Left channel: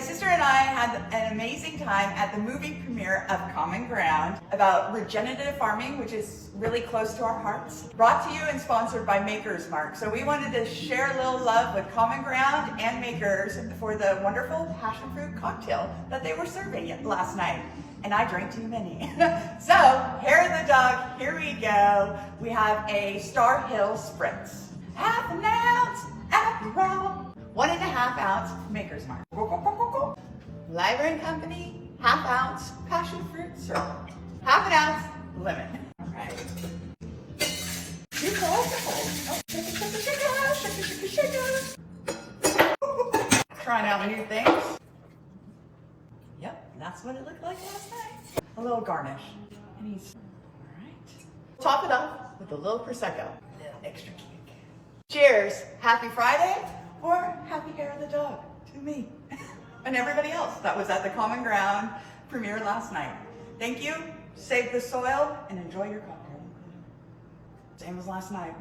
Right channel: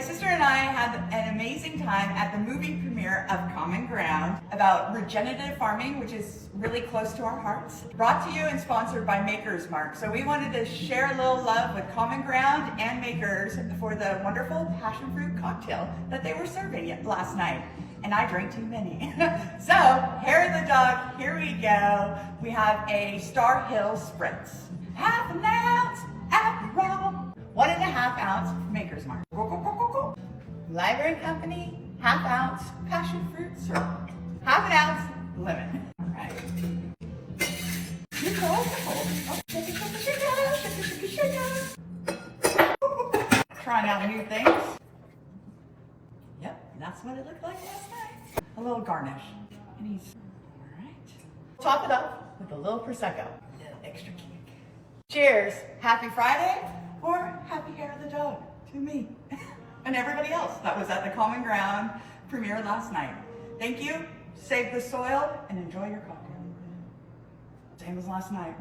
My sister and I had an amazing time at the movie premiere of Common Ground about regenerative farming, which is really close to our hearts. Brought to you and sponsored by Maker's Mark. So we wanted to share a little love with Common Ground and Makers for the wonderful passion fruit cocktail that they were serving last night. And I drank too many. So, hair of the dog, here we go. We have a Starhill Spritz. Half an ounce, after all. 1.5 ounce Maker's Mark. Library Company, half ounce passion fruit syrup. Half an ounce lemon. All right. Here's the alcohol. Oh, shake. Trying out new things. Yep, that's what it looked like last night. A little garnish. And he's, all right. Top it off with a little Prosecco. A little extra kick. Cheers. Happy Friday, or happy hair of the dog to me and everybody else that was at the Common Ground premiere last night. Thank you. Save the soil and enjoy your cocktail. Same as last night.